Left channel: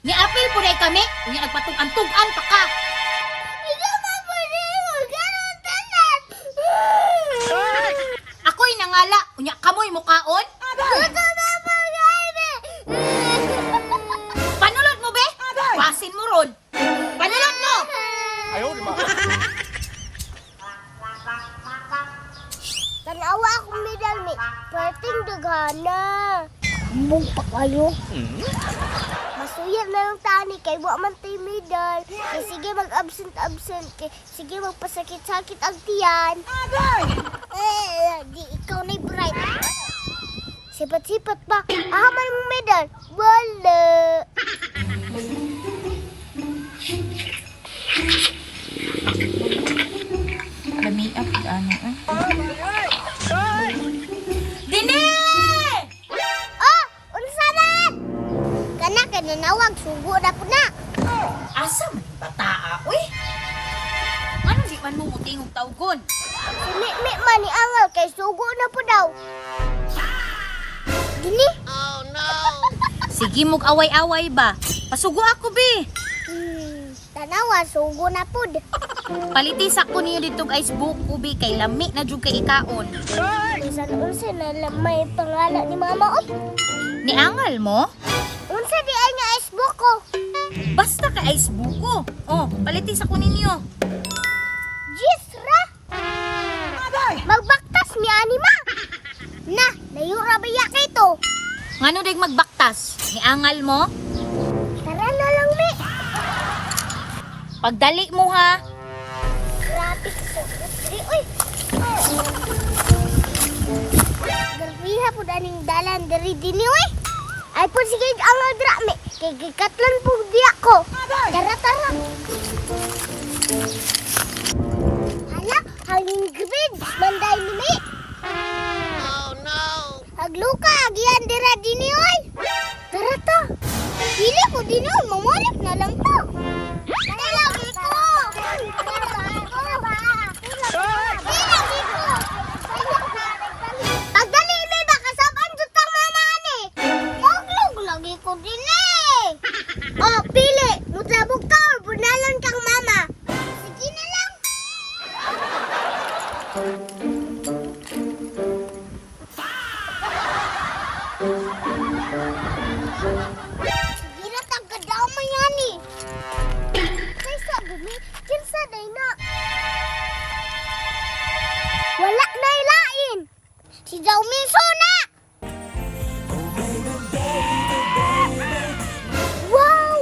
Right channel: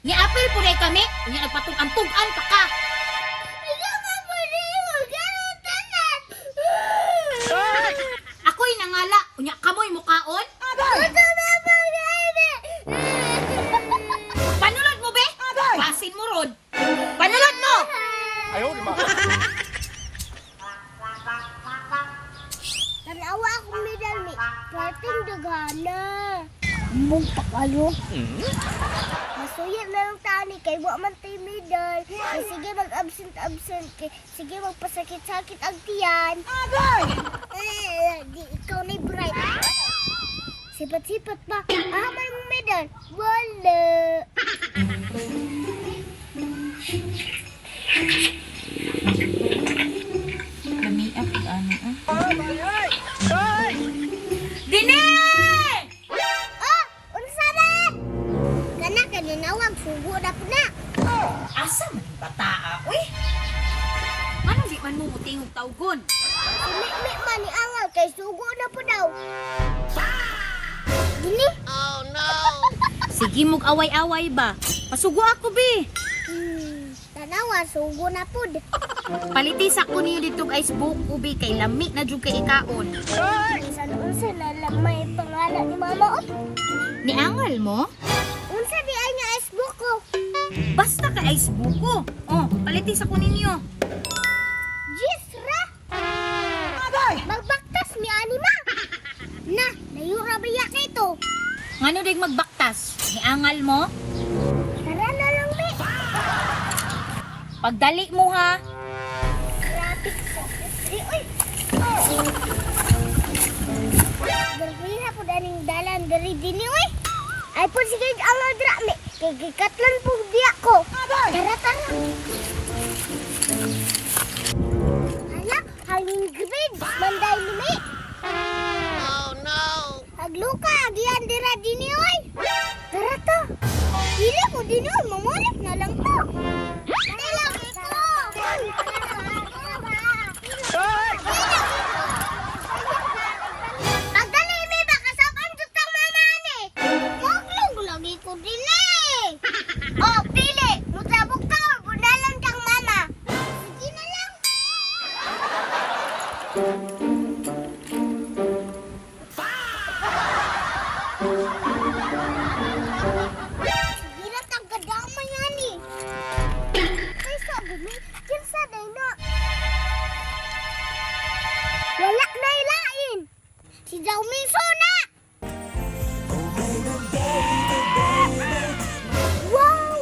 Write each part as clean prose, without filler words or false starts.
Ni apil po na kami. Unya nagpatug-an-tugan pa ka. Ikaw ba po rin? Ganun tanan. Ako'y nangala. Unya kamoy mukaon. Ito na po gani. Panulod mo be? Pasin mo ron. Panulod mo. Tanawa akong medal ni. Perting dagana. Mong pa kayo. Masuyar na lang tani kay wa man tay medal. Kay sige mag-absent kay sige magpasakit-sakit ang tiyan. Di ikaw na bright. Sipat-sipat pa. Ahaman mo medal. Wala. Lamiap ano Dine! Oh, unsa na? Kana kanawag sugo na po na. Asa man yung bataa, uy? Ano di man mo tingog tawgon? Sumi man ni angal kay sugo na po daw. Dini? Sige mog away-away ba? Pasugo ako be. Tanawa sugo na po. Palitis ako niyo dito guys buko be kay lami na jud kay ikaon. Unsa na lang may pangalan ni mama op. Ni angal mo? Unsa di ay nga Facebook ko? Basta ka ice buko. Oh, palitis ako ninyo. Jisra. Magbaktas ni anima. Na, layo ra baya kay to. Ngano dig magbaktas? Ni angal mo? Tara na lang mi. Pagdali mo ha. Traffic po. Di oy. Dalwiha po daning dalan dari dini oy. Ay po sige ang dra mi. Kay gikatlan po diya ko. Tara tara. Hala, haling grid. Manday ni mi. Agluka, agian dira dini oy. Tara to. Pili ko din oy, mamulip na lang to. Tara ito. Pagdali mi ba kasaban jutang mama ani. Huwag lagi ko din eh. Oh, pili. Mutabog ka or bunalan kang mama. Sige na lang. Sige na tagadaw mo yan eh. Kaysa bumi, kinsa day na. Wala na ilain. Si Jao Minso na. Wow!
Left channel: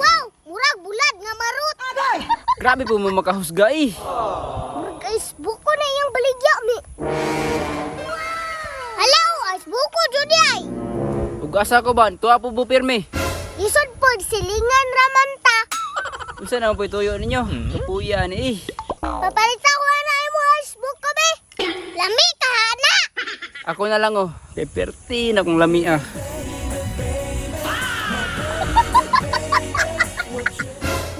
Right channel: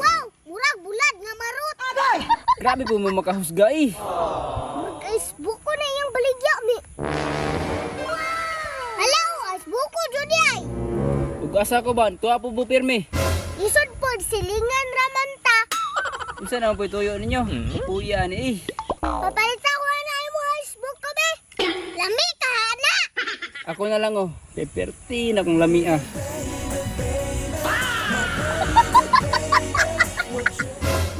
Wow! Murag bulad nga marut. Grabe po mo makahusga eh. Mag-Facebook ko na yung baligya mi. Hello, Facebook ko, Juday. Ug asa ko ba? Tuwa po pirmi. Isod po, silingan ramanta. Unsa na po tuyo ninyo? Puya ni eh. Papalita ko na yung Facebook ko, be. Lami, kahana. Ako na lang oh. Peperti na kong lami ah.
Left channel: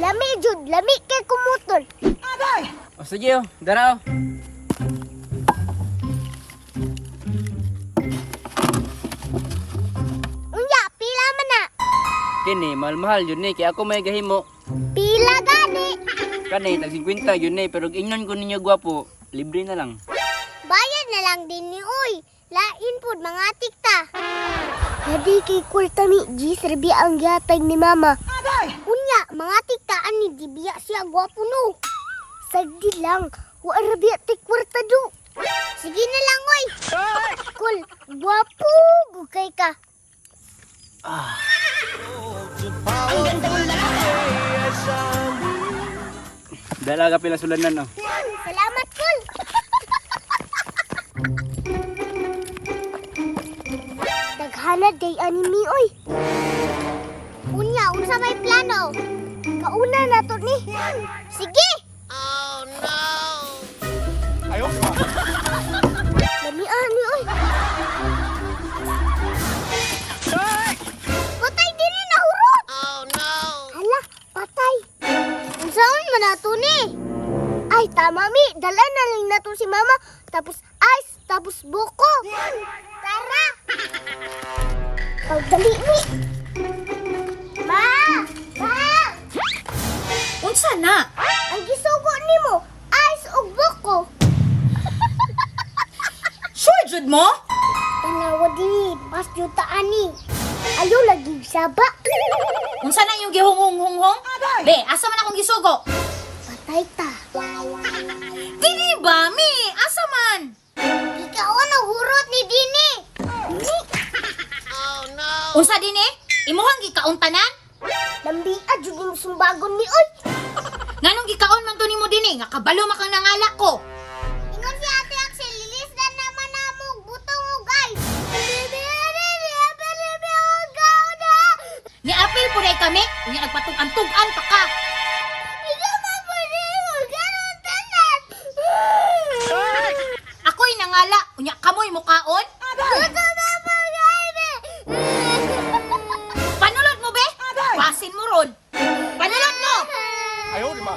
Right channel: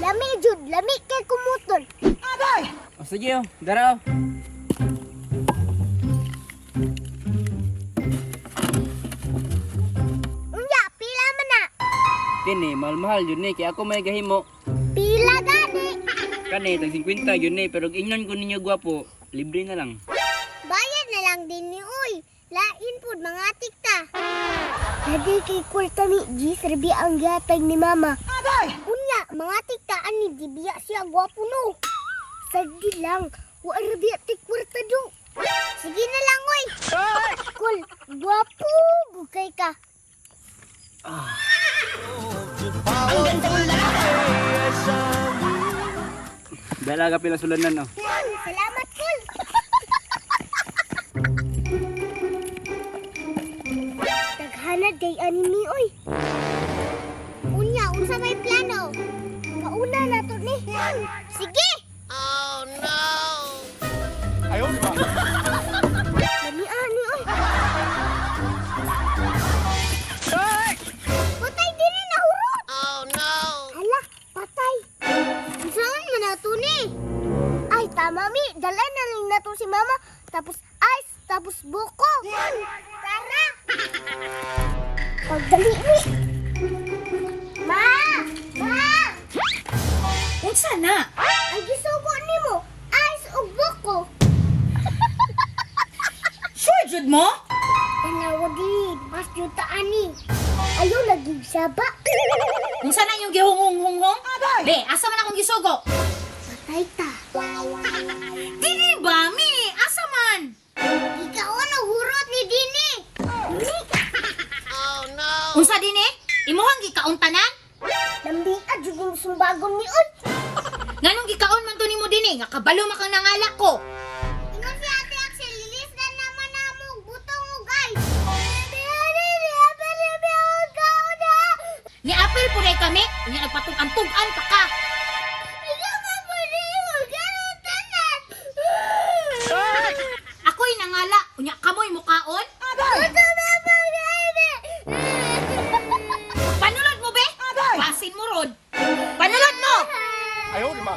Lami, Jud. Lami kay kumutol. O sige oh, dara oh. Unya, pila man na. Kini mahal-mahal yun eh. Kaya ako may gahimo. Pila gani. Kani tag 50 yun eh. Pero ingnon ko ninyo gwapo. Libre na lang. Bayad na lang din ni Uy. Lain po, mga tikta. Hadi kay Kultami, G, serbi ang gatag ni Mama. Unya, mga tikta, ani, di biya siya gwapo no. Sagdi lang, wala biya tikwarta do. Sige na lang, Uy. Kul, gwapo, gukay ka. Dala ka pila sulanan oh. Salamat, Kul. Daghana day anime, Uy. Unya, unsa may plano? Kauna na to ni. Sige. Dami ani, Uy. Patay din ni nahurot. Hala, patay. Unsaon man nato ni? Ay, tama mi. Dala na lang nato si Mama. Tapos ice, tapos buko. Tara. Pagdali ni. Ma! Ma! Unsa na? Ang gisugo nimo, ice ug buko. Sure jud mo? Tanawa din, mas yuta ani. Ayaw lagi saba. Unsa na yung gihunghong-hunghong? Be, asa man akong gisugo? Patay ta. Dili ba, mi? Asa man? Ikaw ang hurot ni Dini. Unsa din eh? Imuhang gikauntanan? Lambi jud yung sumbagon ni Oy. Nganong gikaon man to nimo din eh? Nga kabalo man kang nangala ko. Ingon si Ate Axel, lilis na naman namong butong ug ice. Ni Apple po na kami, unya nagpatug-an-tugan pa ka. Ikaw ba po rin ganon tanan? Ako'y nangala, unya kamoy mukaon. Ito na po gani. Panulod mo be? Pasin mo ron. Panulod mo! 哎呦我的妈！